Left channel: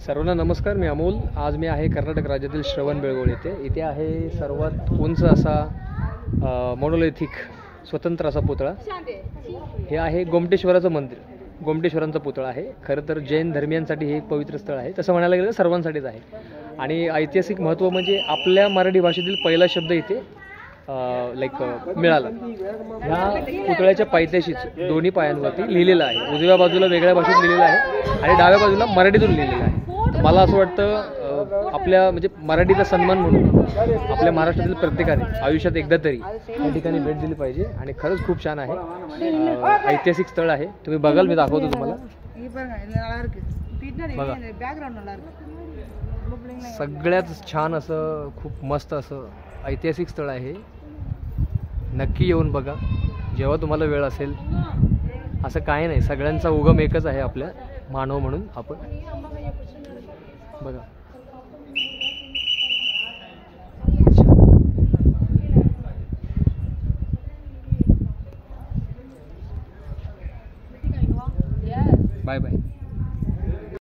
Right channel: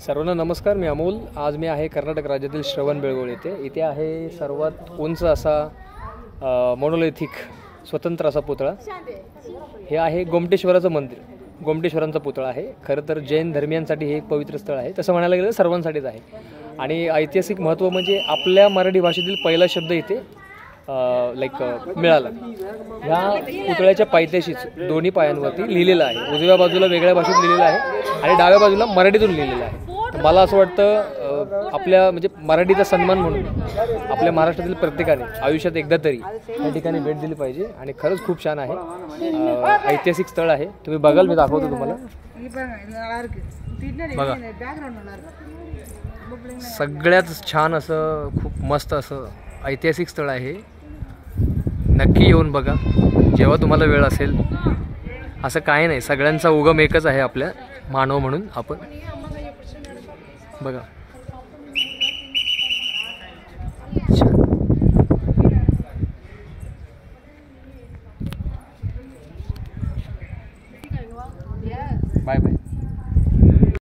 सर्वांना नमस्कार. मी अमोल. आज मी आहे कर्नाटक राज्यातील श्रवणबेळगोळ येथे. इथे आहे सर्वात उंच असा मोनोलिथिक स्वतंत्र असा पुतळा. हे आहे गोमटेश्वराचं मंदिर. गोमटेश्वरांचा पुतळा आहे. खरं तर जैन धर्मियांसाठी हे एक पवित्र स्थळ आहे. तसं म्हणायला गेलं सर्वांसाठीच आहे. आणि ऐतिहासिक महत्त्व म्हणजे आपल्या मराठी भाषेतील पहिला शब्द इथे मिळाला. ह्या पुतळ्याच्या पायथ्याशीच दोन्ही पायांवरती लिहिलेलं आहे. उजव्या बाजूला वेगळ्या भाषेत लिहिलेलं आहे आणि डाव्या बाजूला मराठीतून लिहिलेलं आहे. मला असं वाटतं आपल्या म्हणजे मराठीचा सन्मान म्हणून आपल्या महाराष्ट्रातील प्रत्येकाने आयुष्यात एकदा तरी या ठिकाणी भेट दिली पाहिजे. आणि खरंच खूप छान आहे. ऐतिहासिक स्थळ आहे. तुम्ही बघाल, मी दाखवतो तुम्हाला. बघा, सगळ्यात छान असं खूप मस्त असं ऐतिहासिक स्थळ आहे. नक्की येऊन बघा जेव्हा तुम्हाला वेळ असेल. असं काही नाही, सगळ्यांचा उगम एकच आहे आपल्या मानव म्हणून आपण. बघा, बाय बाय.